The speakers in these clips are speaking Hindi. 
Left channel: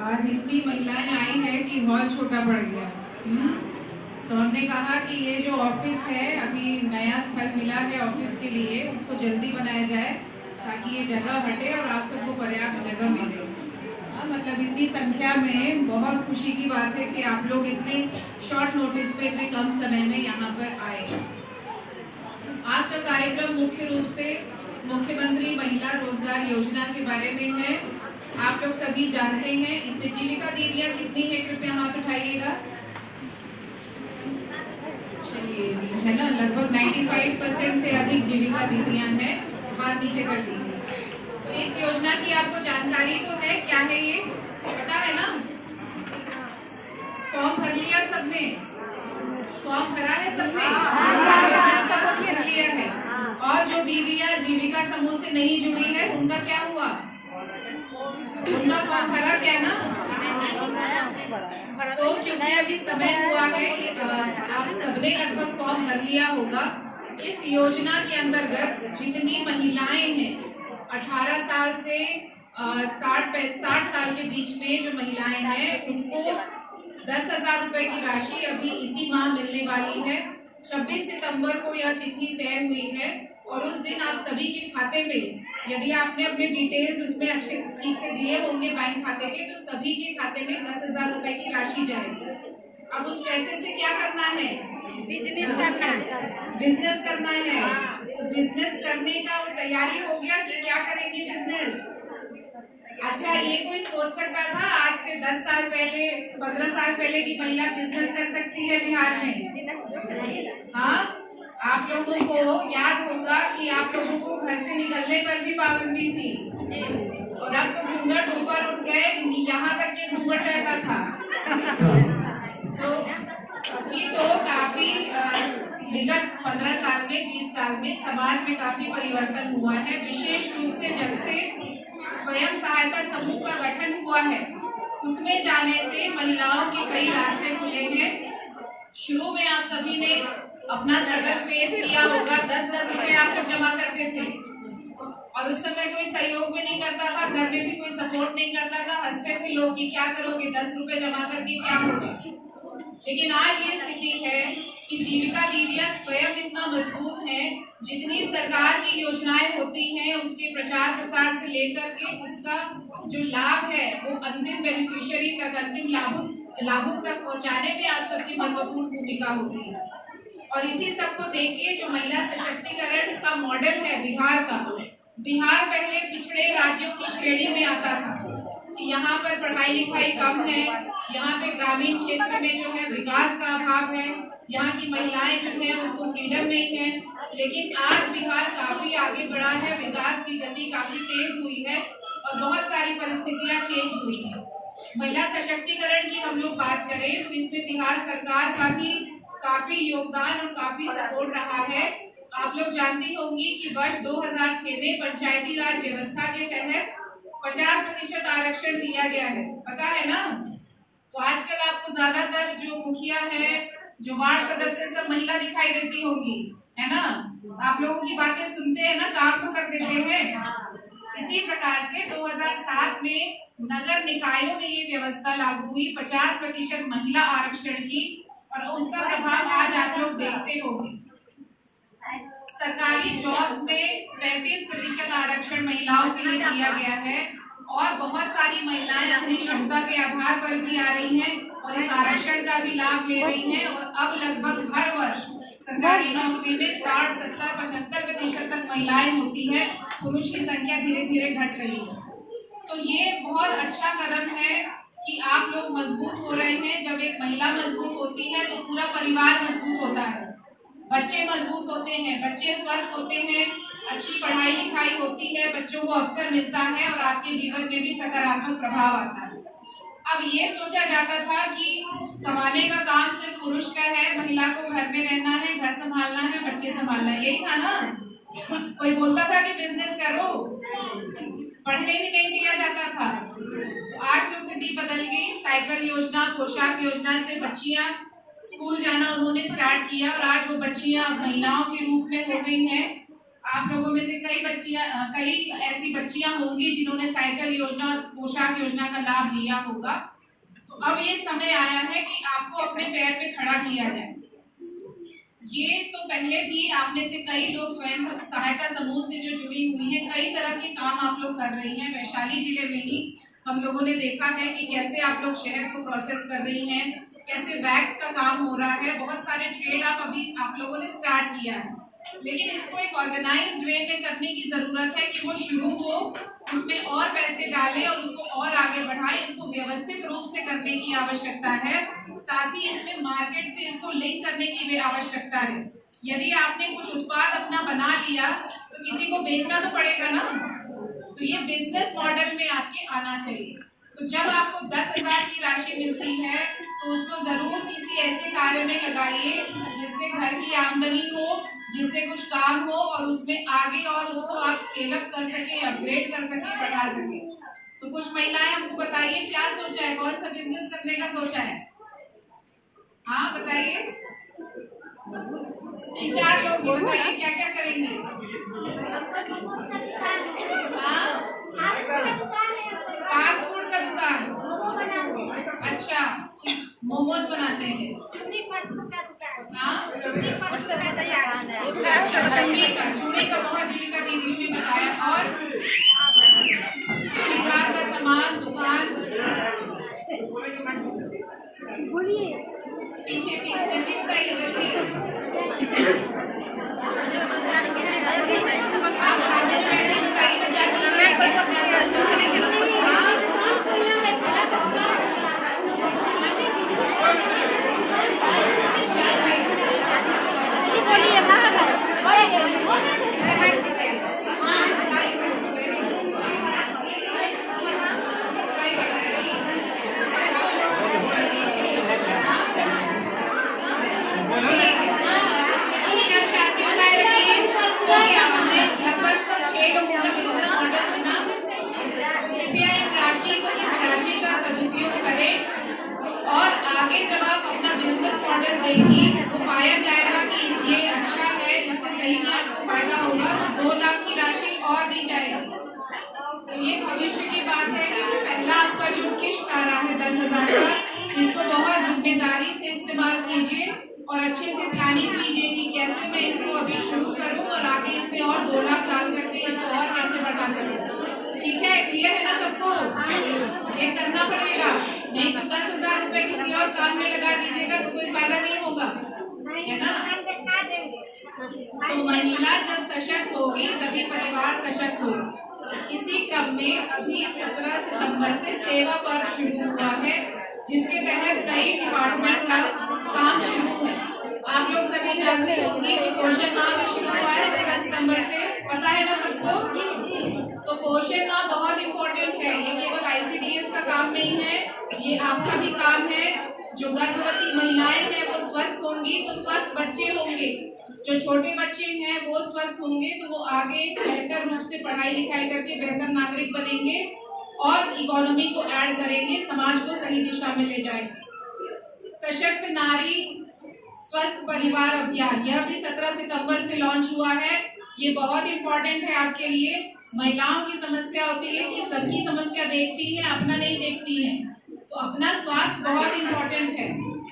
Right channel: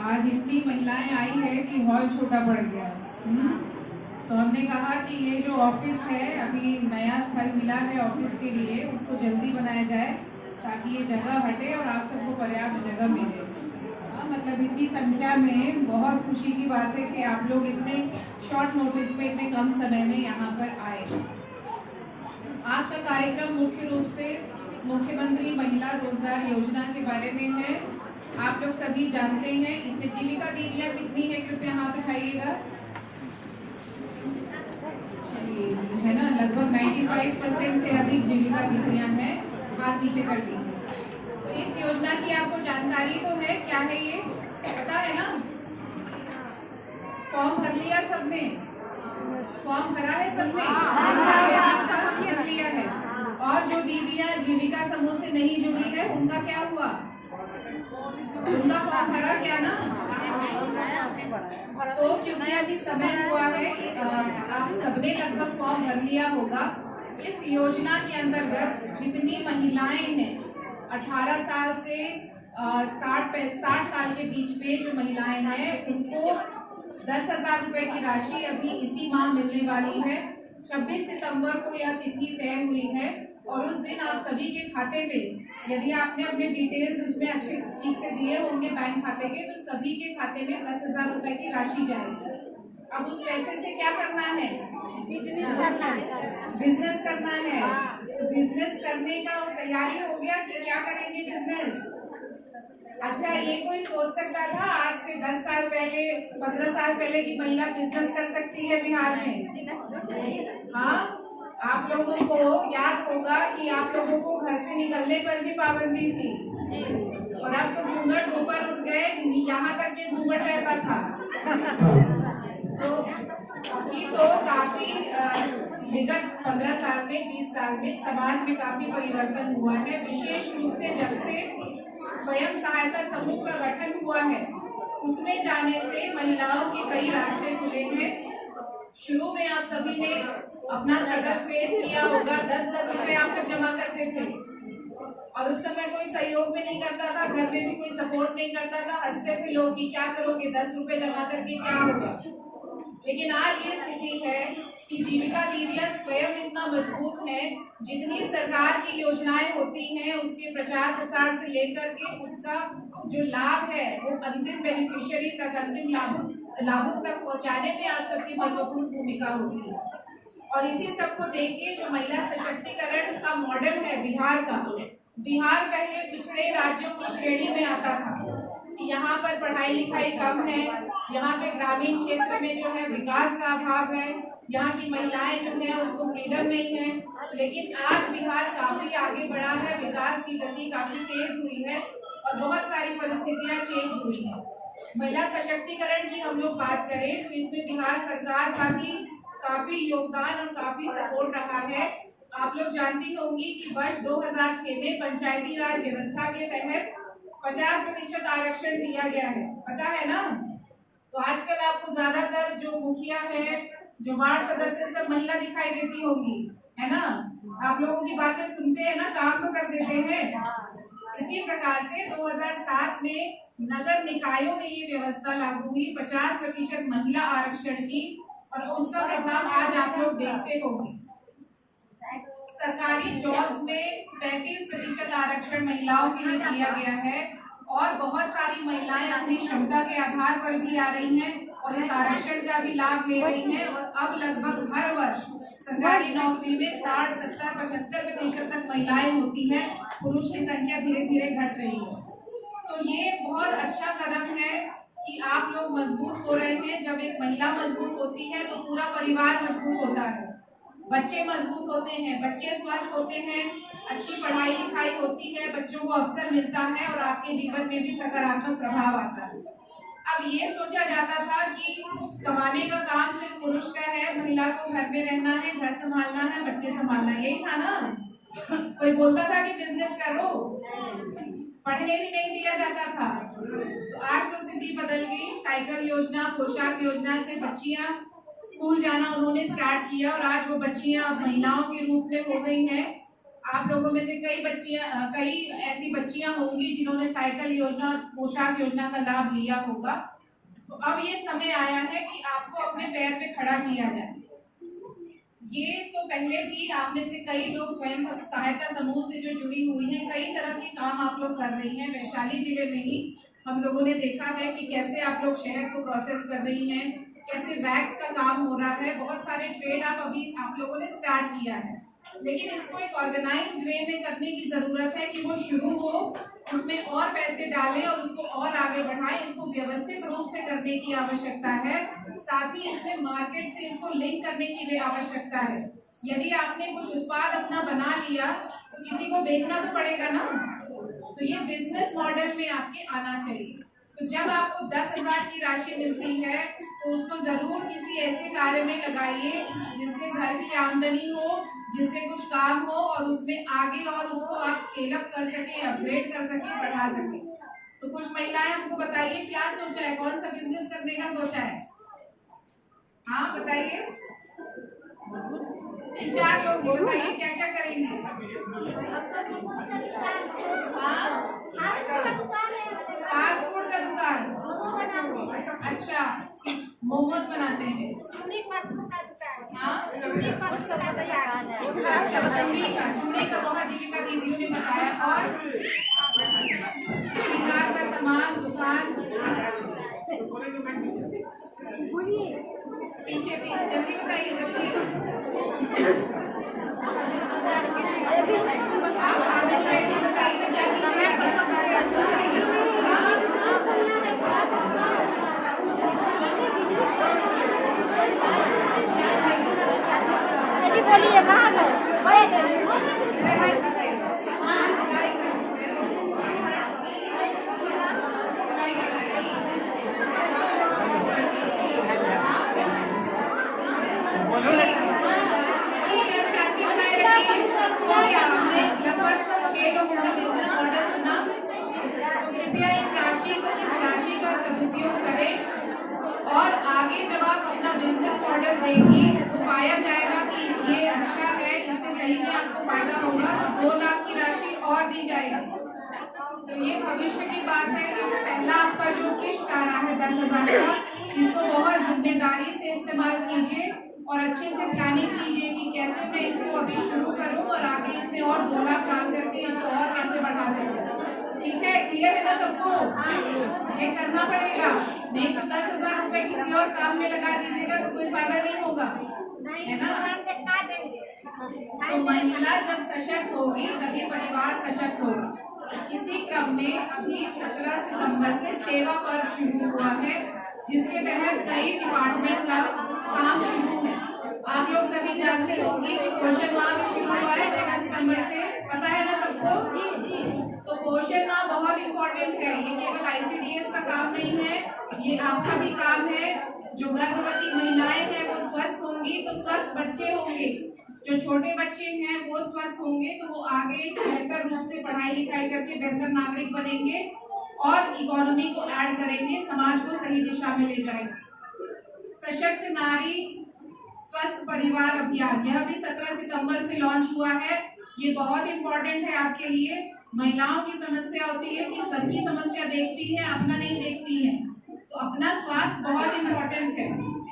आज इतनी महिलाएं आई है कि हॉल छोटा पड़ गया। तो हमने कहा कि ये जो ऑफिस है, अभी नया स्थल मिला है ऑफिस के लिए, उसको जल्दी बनाया जाए ताकि ये जगह हटे और आप सबको पर्याप्त जगह मिले। मतलब इतनी संख्या में बहुत खुशी की बात है कि आप लोग इतने शॉर्ट नोटिस पे इतने कम समय में यहाँ पर आए। आज का कार्यक्रम मुख्य रूप से मुख्यमंत्री महिला रोजगार योजना के बारे में है। आप लोग सभी जानते हैं इसमें जीविका दीदियां कितनी है, कृपया हाथ उठाइएगा। चलिए, है ना, लगभग 95% से अधिक जीविका दीदियां हैं। हाथ नीचे कर लीजिए। तो इस योजना की आपको जानकारी तो है, क्या है ये पता है ना? फॉर्म भर लिया सबने? फॉर्म भरा है सबने? भर लिया है। और जो दीदियां जीविका समूह से नहीं जुड़ी है उनका क्या हुआ? उनका फॉर्म भरा क्या ना? तो क्योंकि अभी समय हुआ है, आप सबने लगभग फॉर्म भर लिया होगा। इस योजना के अंतर्गत जितनी महिलाएं हैं 18 साल से 60 साल के बीच में जो महिलाएं हैं उनको 10,000 रुपए की राशि अभी इसी माह मिलने वाली है। 26 सितंबर को यह तिथि तय हुई है और उस दिन आप सभी के खाते में, यदि आपने अपने डिटेल्स उसमें अच्छे ठीक से दिए होंगे बैंक खाते के, तो सभी के खाते में 10,000 रुपए की राशि जाएगी। अब उस पैसे से क्या करना है? बिजनेस करना है। बिजनेस करना है। तो बिजनेस करने का तैयारी हो गया कि क्या करेंगे बिजनेस? अच्छा, ये कोई सोच सकता था आज से 10 साल पहले, 15 साल पहले की महिला बिजनेस कर सकती है बिहार में? हाँ, आप लोगों को याद होगा कि आप लोगों को घर से निकलने पर भी पाबंदी थी और अब तो घूंघट ऊपर उठ गए, यहाँ तक के घूंघट रहता था। तो अभी तो काफी विगत 15 साल में, 20 साल में समाज में काफी परिवर्तन हुआ है, विशेष रूप से जब से स्वयं सहायता समूह का गठन हुआ है उसमें जाने से महिलाओं के कई रास्ते खुले हैं। शुरू में आप सभी ने अपना स्ट्रगल फेस किया होगा। 10-10 रुपए आप लोग जमा करते थे और उस समय कोई सहयोग भी नहीं करता था, घर में भी कोई सपोर्ट नहीं करता था, हंसते थे लोग कि क्या करोगे 10 रुपए जमा करके, क्या होगा। लेकिन आज ये स्थिति है कि जीविका दीदियां स्वयं इतना मजबूत हैं, जितनी सरकार की योजनाएं होती हैं उसके प्रचार प्रसार से लेकर के उसका जो लाभ है वो अंतिम बेनिफिशियरी तक, अंतिम लाभुक तक पहुंचाने में आप सबकी महत्वपूर्ण भूमिका होती है। और इसी सबको देख के जो महिला सशक्तिकरण का मॉडल है बिहार का, बिहार पहले पिछड़े राज्यों की श्रेणी में आता था कि यहाँ पर पढ़ाई लिखाई कम है, यहाँ पे ग्रामीण क्षेत्र में जो है विकास का अभाव है, यहाँ की महिलाएं जो है उनको फ्रीडम नहीं है। लेकिन आज बिहार काफी आगे बढ़ा है, विकास की गति काफी तेज हुई है और बहुत सारी परिस्थितियां चेंज हुई हैं। महिला सशक्तिकरण की हम लोग बात करें तो इसमें बिहार सरकार का भी काफी योगदान और काफी सपोर्ट रहा है। आप लोग जानती होंगी कि वर्ष 2006 में पंचायती राज व्यवस्था के तहत 50% आरक्षण दिया गया है, पता है ना? तो आजकल आपको ज्यादातर जो मुखिया है, जो वार्ड सदस्य, सब महिला दिखाई देती होंगी, है ना? आप लोगों की बातें सुनते हैं ना, काम तो कर देते हैं। इसी प्रकार से 2007 में नगर निकायों में ये व्यवस्था लागू हुई 50% महिला आरक्षण की, और उसका प्रभाव आज आप लोग देखते होंगे। सरकारी जॉब्स में 35% आरक्षण महिलाओं के लिए दिया गया है और बहुत सारी महिलाएं अपनी क्षमता के आधार पर भी आ रही हैं और इस आरक्षण का भी लाभ ले रही हैं। और अब लगभग हर वर्ष सरकारी नौकरी में 60, 70, 75% तक महिलाएं होती हैं, पुरुष की संख्या धीरे धीरे घट रही है। तो ये बहुत अच्छा कदम है कि आप लोग मजबूत हो रहे हैं। जब एक महिला मजबूत होती है तो पूरा परिवार मजबूत होता है, बच्चे मजबूत होते हैं, बच्चे स्वस्थ होते हैं, अच्छी पढ़ाई लिखाई होती है, बच्चों को अवसर मिलता है और आपके जीवन में भी सकारात्मक प्रभाव आता है। अब ये सोचा जाता था कि कमाने का काम सिर्फ पुरुष का है, महिला को घर में रहना है, घर संभालना है, बच्चे संभालना है, यही था ना? कोई बोलता था कि बिजनेस करो, पढ़ने भी नहीं दिया जाता था। तो आज तो स्थिति बदल गई। साइकिल योजना, पोशाक योजना से बच्चियां स्कूल जाना उन्होंने स्टार्ट किया और आज वो बच्चियां महिलाओं के रूप में हो गई हैं आप लोगों में से कई ऐसी बच्चियां होंगी जिन्होंने साइकिल योजना और पोशाक योजना का लाभ लिया होगा। तो अब ये समय आया है कि आपको अपने पैर पे खड़ा किया जाए। ये तो पहले भी आप में से कई लोग स्वयं सहायता समूह से जो जुड़ी हुई हैं, कई तरह के काम आप लोग कर रही हैं। वैशाली जिले में ही हम लोगों ने देखा है कि कैसे आप लोग शहद को प्रोसेस कर रही हैं, कैसे वैक्स का काम हो रहा है, बहुत सारे ट्रेड आप लोगों ने स्टार्ट किया है। लेकिन इसको एक ऑर्गेनाइज्ड वे में करने की जरूरत है कि वो शुरू हो, उसमें और पैसे डालें और उसको और आगे बढ़ाएं। इसको व्यवस्थित रूप से करने की आवश्यकता है, साथ ही इसमें मार्केट से इसको लिंक करने की भी आवश्यकता है। यदि आपने कुछ उत्पाद अपना बना लिया तो किसी को बेचना तो पड़ेगा ना, तो ये बिजनेस मॉडल में आपके आना चाहिए। तो जब आपको 10,000 की राशि मिलती है तो उसको जरूर किसी ऐसे कार्य में लगाइए जिससे घर की आमदनी हो, जिससे कुछ काम हो और उसमें आगे और उसको आप स्केल अप कर सके, अपग्रेड कर सके, बढ़ा सके। तो कुछ महिलाएं हमको बताइए क्या सोचा है, कौन सा बिजनेस करने का सोचा है? हाँ बताइए, 4 लोग बताइए क्या क्या करेंगे? फास्ट फूड का दुकान, अच्छा मोमोज बनाते हैं। अच्छा चूड़ी का बहुत जीविका दीदियों ने बताया। और श्रृंगार का सामान दुकान, पीछे पीछे जल्दी बताइए जल्दी। आप सामने बैठे बताइए क्या देगी तो पाया जाएगा कि ये अच्छा है, इससे सही में आपको फायदा होगा तो 2 लाख की राशि और दी जाएगी। तो ये भविष्य की बात है। ये जो पहला आपका जो किश्त आ रहा है 10,000 का, इसको बहुत जिम्मेदारी से इस्तेमाल कीजिए और अच्छे से प्लानिंग कीजिए कि कैसे मैं इसको अभी शुरू करूं और आगे इसमें और 2 लाख डाल करके इसको और कैसे बढ़ा सकूं। ठीक है, क्लियर है ना सबको? ये करना पड़ेगा, नहीं तो 10,000 रुपए किसी और काम में लगा दीजिएगा तो कोई फायदा नहीं होगा, है ना? तो महिला जब सशक्त होगी तभी परिवार सशक्त होगा। इसी क्रम में अभी 17 सितंबर से सेवा पर्व शुरू हुआ है, जिसके तहत कई डिपार्टमेंट का काम शुरू है। आप लोग सभी जानते होंगे कि पोषण माह भी शुरू हुआ है 17 सितंबर से, पता है ना सबको? तो पोषण माह बहुत इम्पोर्टेंट है। ये केवल ICDS का काम नहीं है, ये आपका भी काम है। जो गर्भवती महिलाएं हैं वो स्वस्थ होंगी तो स्वस्थ बच्चे होंगे, जो छोटे बच्चे हैं वो स्वस्थ होंगे तो वो आगे एक बेहतर रूप से पढ़ाई लिखाई करके बेहतर नागरिक बनेंगे और इकोनॉमी को ऐड करेंगे, समाज को सही दिशा में ले जाएंगे। सशक्त नारी स्वस्थ परिवार अभियान, यह भी 17 सितंबर से लॉन्च हुआ है। ये बहुत इम्पोर्टेंट है आपके लिए। महिलाओं की समस्या होती है कि सबकी समस्या देखती है, अपना नहीं देखती है, तो अपना स्वास्थ्य बहुत इम्पोर्टेंट है।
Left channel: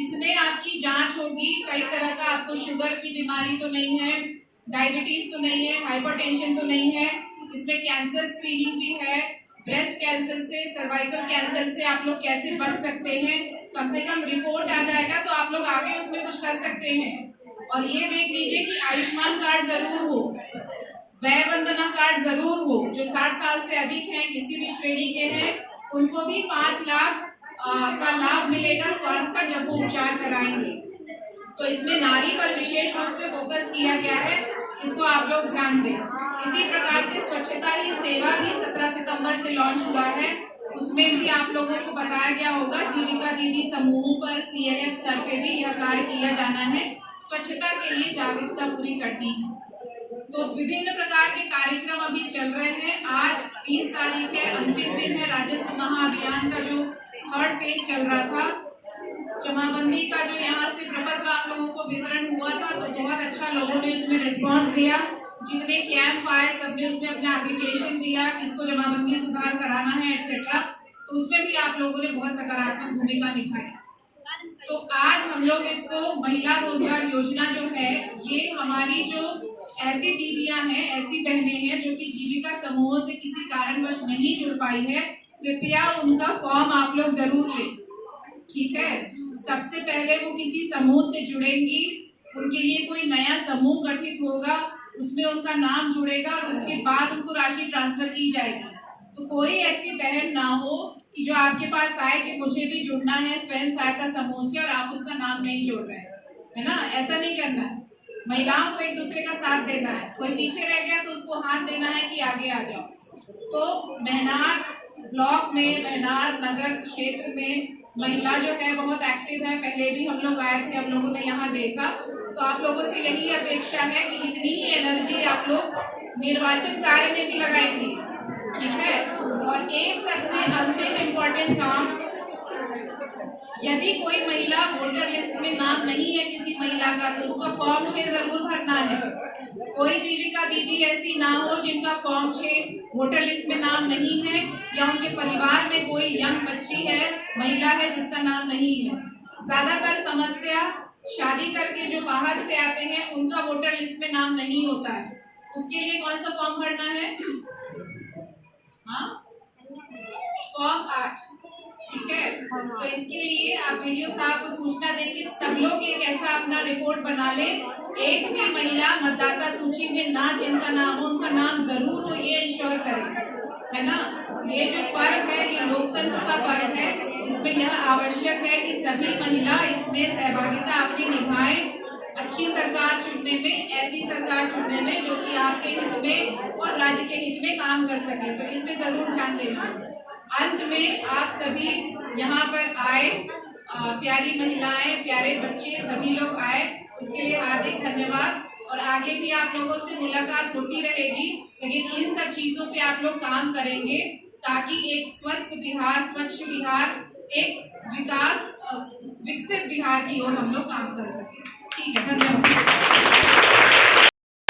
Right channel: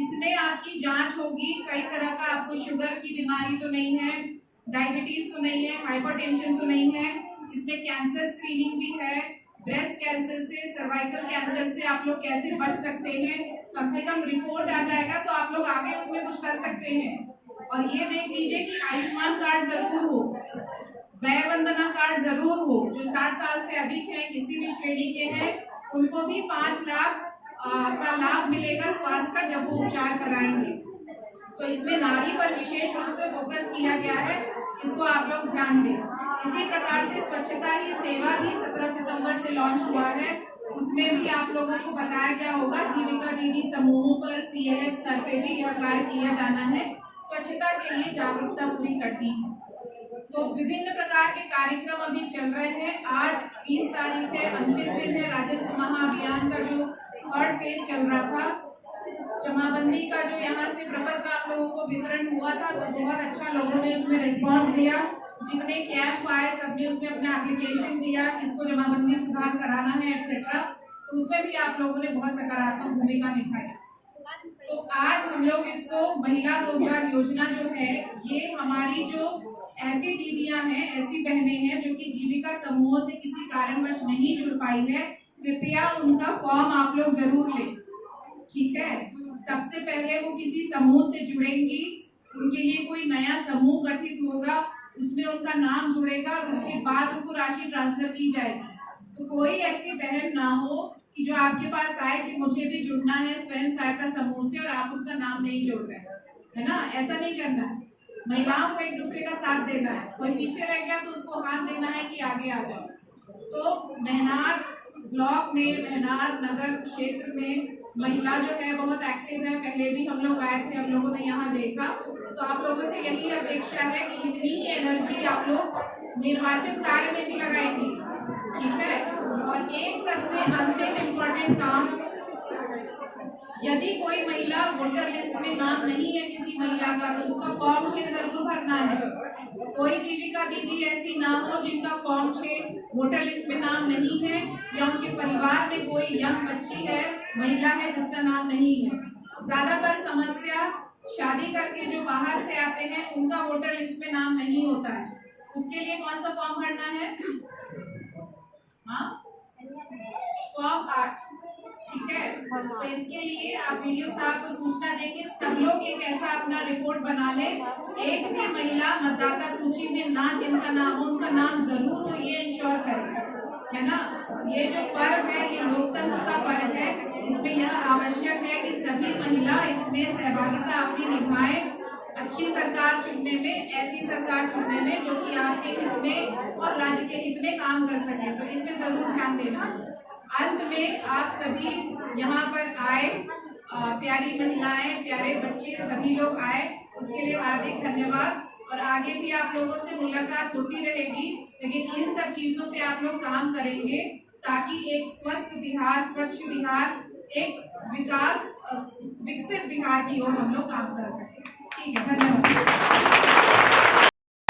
इसमें आपकी जांच होगी, कई तरह का आपको शुगर की बीमारी तो नहीं है, डायबिटीज तो नहीं है, हाइपरटेंशन तो नहीं है, इसमें कैंसर स्क्रीनिंग भी है। ब्रेस्ट कैंसर से, सर्वाइकल कैंसर से आप लोग कैसे बच सकते हैं, कम से कम रिपोर्ट आ जाएगा तो आप लोग आगे उसमें कुछ कर सकते हैं। और ये देख लीजिए कि आयुष्मान कार्ड जरूर हो, व्यय वंदना कार्ड जरूर हो। जो 60 साल से अधिक हैं, किसी भी श्रेणी के हैं, उनको भी 5 लाख का लाभ मिलेगा स्वास्थ्य का जब वो उपचार कराएंगे। तो इसमें नारी पर विशेष रूप से फोकस किया गया है, इसको आप लोग ध्यान दें। इसी प्रकार से स्वच्छता ही सेवा भी 17 सितंबर से लॉन्च हुआ है, उसमें भी आप लोगों को बताया गया होगा। जीविका दीदी समूहों पर CLF स्तर पे भी यह कार्य किया जाना है, स्वच्छता के लिए जागरूकता पूरी करनी है। तो विभिन्न प्रकार के कार्यक्रम अभी चल रहे हैं। आज 20 तारीख है, अंतिम दिन है राजस्व महाअभियान का जो 3rd फेज चल रहा था। जमाबंदी का जो यहाँ से प्रपत्र आप लोगों को वितरण हुआ था तो बहुत अच्छा लोगों ने उसमें रिस्पॉन्स दिया। जितने कैंप आए सबने उसमें अपना एप्लीकेशन दिया, किसको जमाबंदी सुधार कराना है एक्सेट्रा, तो उसमें भी आप लोगों ने बहुत सकारात्मक भूमिका निभाई। तो आज हम लोग इसको महिला रोजगार योजना जो है, ये हमारी जो ऐसी दीदियां हैं, ऐसी बहनें हैं जो कि जीविका समूहों से किसी कारणवश नहीं जुड़ पाई है, कृपया उनका फॉर्म आप लोग जरूर लें, ठीक है। सबसे पहले वो किसी समूह से जुड़ेंगी, उनके लिए कोई नया समूह गठित होगा, उसमें उनका नाम जुड़ेगा और उसके बाद उनको राशि ट्रांसफर की जाएगी। तो कोई ऐसी बहन ना हो कि जो आपके पास आए कि मुझे भी जुड़ना है स्वयं सहायता समूह से और आप उसका नाम नहीं जोड़ रहे हैं, है ना। ऐसा नहीं करना है, महिलाओं को एक दूसरे का साथ देना है। कोई पीछे रह गया तो उसको हाथ देना है कि आगे आ जाओ। तो महनार ब्लॉक में, महनार नगर क्षेत्र में महिला जो है बहुत एक्टिव है। पहले भी हम लोग आए थे, हम लोगों ने यहाँ देखा। तो आप लोगों से यही अपेक्षा है कि इतनी ही एनर्जी आप लोग निर्वाचन कार्य में भी लगाएंगे, ठीक है। और एक सबसे अंतिम इम्पोर्टेंट काम, यदि कोई महिला वोटर लिस्ट में नाम नहीं है किसी महिला का, तो उसका फॉर्म 6 जरूर भरना है। कोई जीविका दीदी ऐसी ना हो जिनका फॉर्म 6 वोटर लिस्ट में नाम नहीं है, या उनके परिवार में कोई यंग बच्ची है, महिला है जिसका नाम नहीं है। ज्यादातर समस्या शादी करके जो बाहर से आते हैं उनका वोटर लिस्ट में नाम नहीं होता है। उसके लिए कौन सा फॉर्म भरना है? हाँ, फॉर्म 8, ठीक है। तो इसके लिए आप वीडियो साहब को सूचना देंगे, सब लोग एक ऐसा अपना रिपोर्ट बना ले, एक भी महिला मतदाता सूची में ना जिनका नाम हो उनका नाम जरूर हो, ये इंश्योर करें, है ना। ये जो पर्व है ये लोकतंत्र का पर्व है, इसमें यह आवश्यक है कि सभी महिला इसमें सहभागिता अपनी निभाएं, अच्छी सरकार चुनने में, ऐसी सरकार चुनने में जो कि आपके हित में और राज्य के हित में काम कर सके। तो इसमें जरूर ध्यान देना। अंत में आप सभी यहाँ पर आए, प्यारी महिलाएं, प्यारे बच्चे, सभी लोग आए, उसके लिए हार्दिक धन्यवाद। और आगे भी आप लोगों से मुलाकात होती रहेगी, लेकिन इन सब चीजों पे आप लोग काम करेंगे ताकि एक स्वस्थ बिहार, स्वच्छ बिहार, एक विकास विकसित बिहार की ओर हम लोग काम कर सकें। ठीक है, धन्यवाद।